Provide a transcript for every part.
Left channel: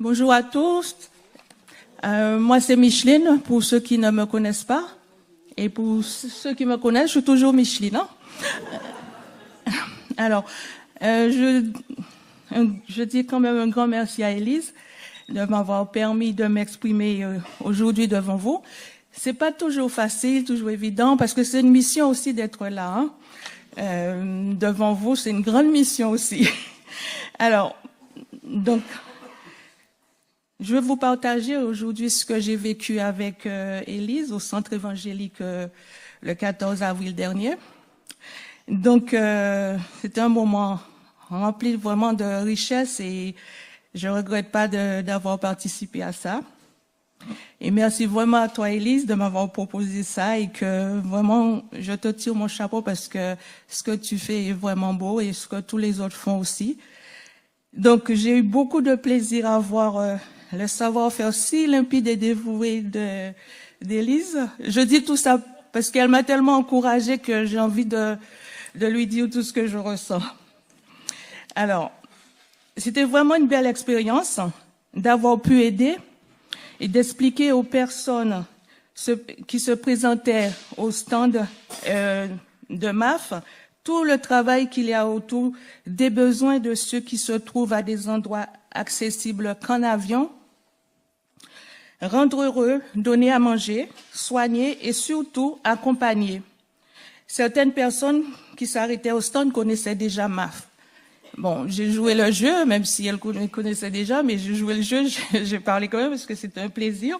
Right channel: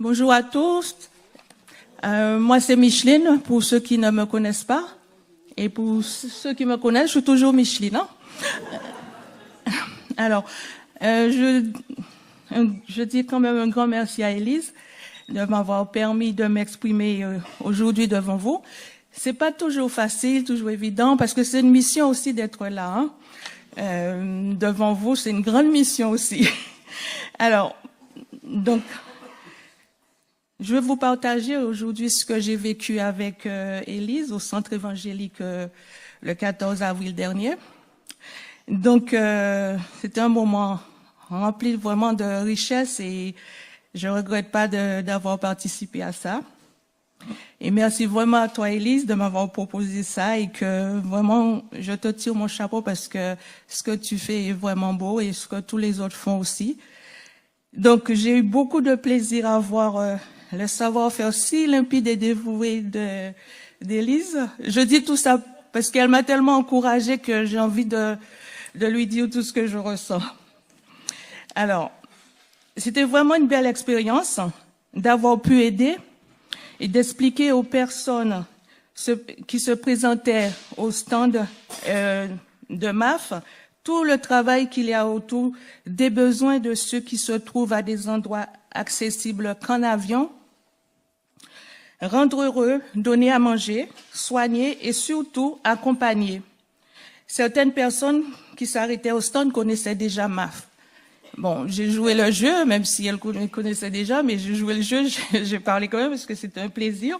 Bonjour à tous. Moi, c'est Micheline, pour ceux qui ne me connaissent pas. Et pour ceux qui me connaissent, je suis toujours Micheline. Alors, je dis quand même un grand merci à Élise de m'avoir permis de m'exprimer aujourd'hui devant vous. C'est pas toujours facile, toujours évident, parce que c'est une mission aussi d'être là. Devant vous, c'est une grande mission aussi. Alors, donc, je vais vous partager aujourd'hui ce que j'ai vécu avec Élise au centre évangélique le 14 avril dernier. Donc, c'était un moment rempli vraiment de richesse et je ne regrette pas d'avoir participé à ça. Et merci vraiment à toi, Élise, de m'avoir proposé ça et que vraiment, je te tire mon chapeau parce que ce que tu fais est vraiment beau et ce que tous les autres font aussi. Donc, j'ai eu beaucoup de plaisir à voir le savoir-faire si limpide et dévoué d'Élise. Je dis tout ça parce qu'elle m'a tellement encouragée que j'ai envie de lui dire tout ce que je ressens. Alors, c'était vraiment une belle expérience d'avoir pu aider et d'expliquer aux personnes qui se présentaient au stand de MAF tout le travail qu'il y a autour des besoins de ceux qui se trouvent à des endroits accessibles qu'en avion, rendre heureux, donner à manger, soigner et surtout accompagner. Certaines personnes qui s'arrêtaient au stand connaissaient déjà MAF. Bon, j'ai joué le jeu, même si elles connaissaient déjà, mais j'ai joué le jeu, j'ai parlé quand même parce que c'était un plaisir.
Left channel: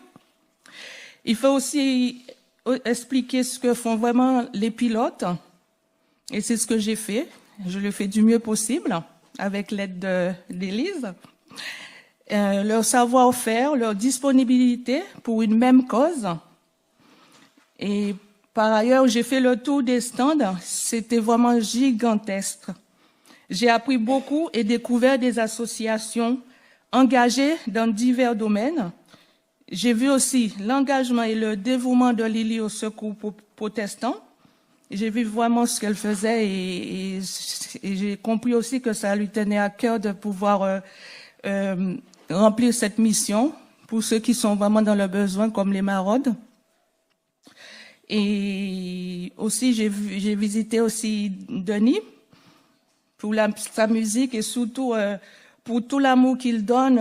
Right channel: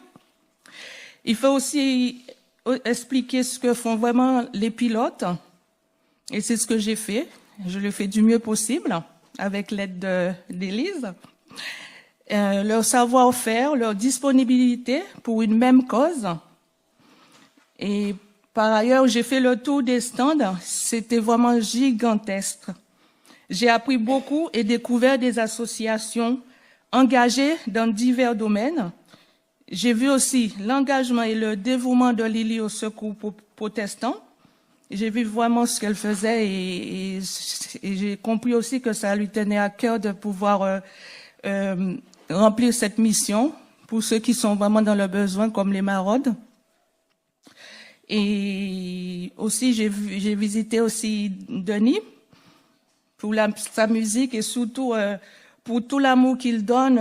Il faut aussi expliquer ce que font vraiment les pilotes. Et c'est ce que j'ai fait. Je le fais du mieux possible avec l'aide d'Élise. Leur savoir-faire, leur disponibilité pour une même cause. Et par ailleurs, j'ai fait le tour des stands. C'était vraiment gigantesque. J'ai appris beaucoup et découvert des associations engagées dans divers domaines. J'ai vu aussi l'engagement et le dévouement de Lily au secours protestant. J'ai vu vraiment ce qu'elle faisait et j'ai compris aussi que ça lui tenait à cœur de pouvoir remplir cette mission pour ceux qui sont vraiment dans le besoin, comme les maraudes. Et aussi, j'ai visité aussi Denis pour sa musique et surtout pour tout l'amour qu'il donne.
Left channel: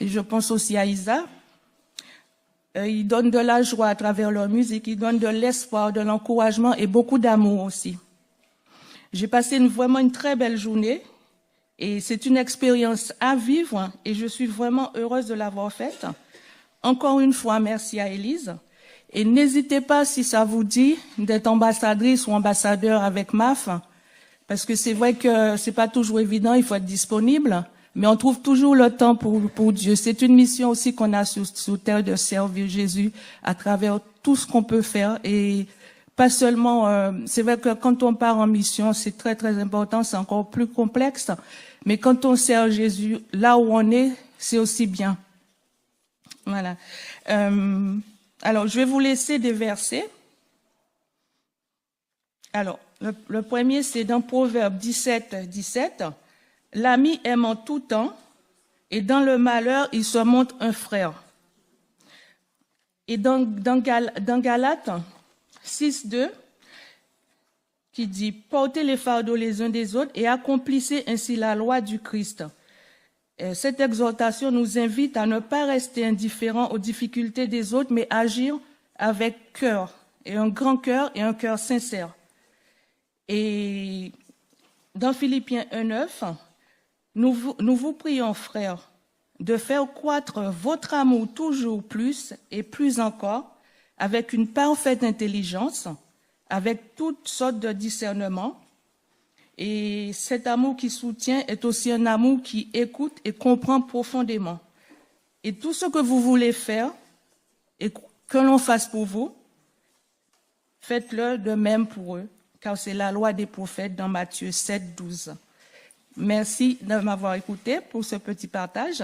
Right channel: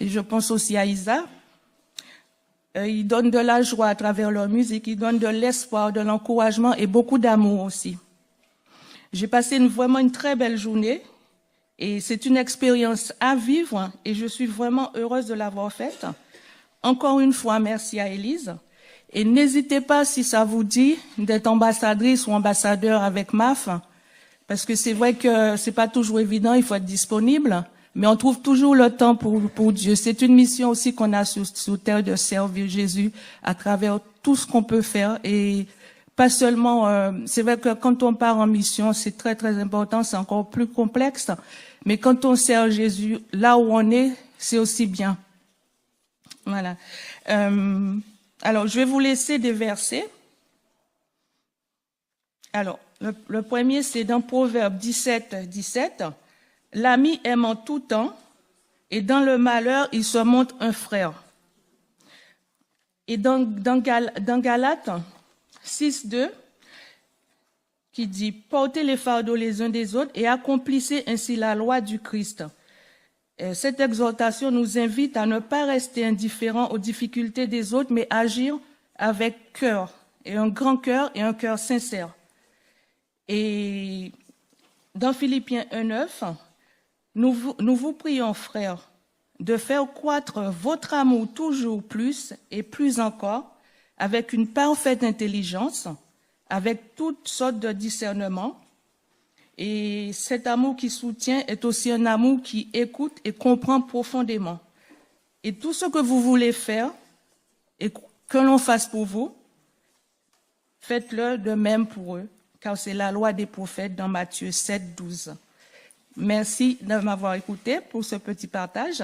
Et je pense aussi à Isa. Ils donnent de la joie à travers leur musique, ils donnent de l'espoir, de l'encouragement et beaucoup d'amour aussi. J'ai passé vraiment une très belle journée et c'est une expérience à vivre et je suis vraiment heureuse de l'avoir faite. Encore une fois, merci à Élise. Et n'hésitez pas, si ça vous dit, d'être ambassadrice ou ambassadeur avec MAF, parce que c'est vrai que c'est pas toujours évident, il faut être disponible. Mais on trouve toujours le temps pour Dieu. C'est une mission aussi qu'on a sur terre de servir Jésus à travers tout ce qu'on peut faire. Et pas seulement, c'est vrai que quand on part en mission, c'est très très important, c'est encore plus complexe. Mais quand on sert Jésus, là où on est, c'est aussi bien. Voilà. Alors, je vais vous laisser des versets. Alors, le premier, c'est dans Proverbe 17, 17. L'ami aime en tout temps, et dans le malheur, il se montre un frère. Et dans Galates 6, 2, qui dit « Portez les fardeaux les uns des autres et accomplissez ainsi la loi du Christ ». Cette exhortation nous invite à ne pas rester indifférents aux difficultés des autres, mais agir avec cœur, et un grand cœur et un cœur sincère. Et dans Philippiens 1, 9, nous vous prions, frères, de faire croître votre amour toujours plus et plus encore, avec une parfaite intelligence, avec toutes sortes de discernement. Et cet amour qui soutient est aussi un amour qui écoute et comprend profondément. Et tout ce que vous voulez faire et que l'on fasse pour vous, faites-le de même pour eux, car c'est la loi des prophètes dans Matthieu 7, 12. Merci de m'avoir écouté pour ce petit partage.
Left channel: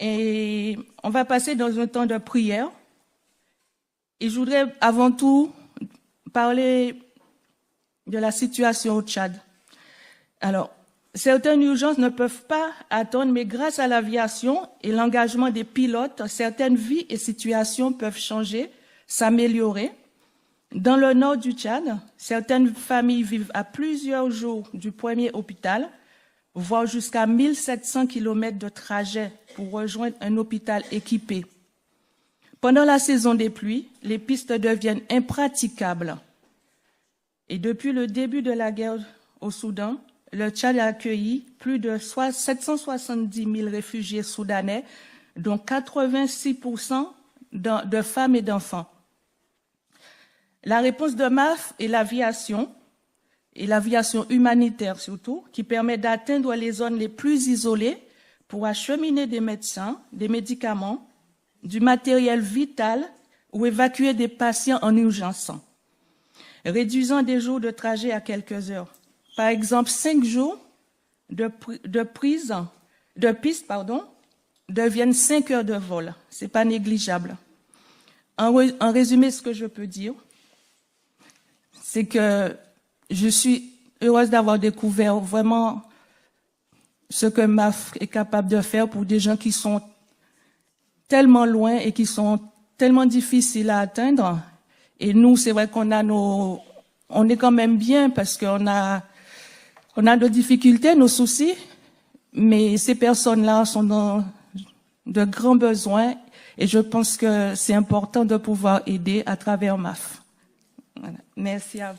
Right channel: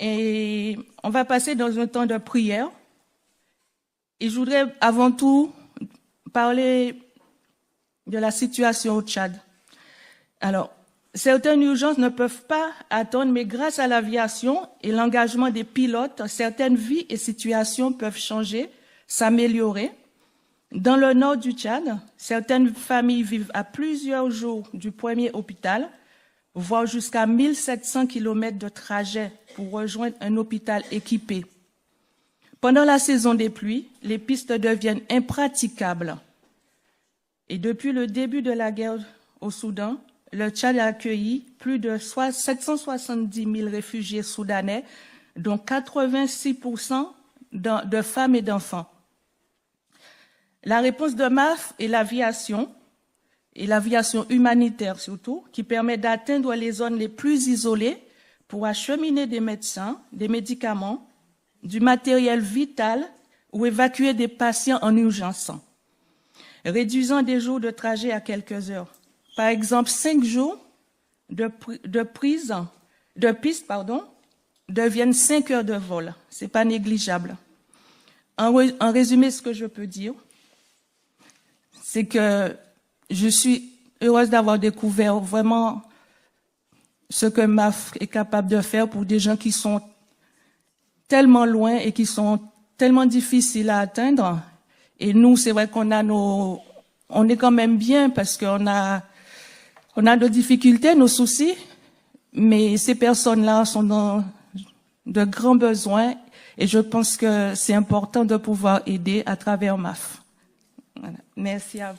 Et on va passer dans un temps de prière. Et je voudrais avant tout parler de la situation au Tchad. Alors, Certaines urgences ne peuvent pas attendre, mais grâce à l'aviation et l'engagement des pilotes, certaines vies et situations peuvent changer, s'améliorer. Dans le nord du Tchad, certaines familles vivent à plusieurs jours du premier hôpital, voire jusqu'à 1700 km de trajet pour rejoindre un hôpital équipé. Pendant la saison des pluies, les pistes deviennent impraticables. Et depuis le début de la guerre au Soudan, le Tchad a accueilli plus de 770 000 réfugiés soudanais, dont 86% de femmes et d'enfants. La réponse de MAF et l'aviation humanitaire surtout, qui permet d'atteindre les zones les plus isolées pour acheminer des médecins, des médicaments, du matériel vital ou évacuer des patients en urgence, réduisant des jours de trajet à quelques heures. Par exemple, 5 jours de piste deviennent 5 heures de vol. Ce n'est pas négligeable. En résumé, ce que je peux dire, c'est que je suis heureuse d'avoir découvert vraiment ce que MAF est capable de faire pour des gens qui sont tellement loin et qui sont tellement difficiles à atteindre. Et nous, c'est vrai qu'on a on est quand même bien parce qu'on a nos difficultés, nos soucis, mais ces personnes-là sont dans de grands besoins et je pense que c'est important de pouvoir aider à travers MAF. Voilà. Merci à vous.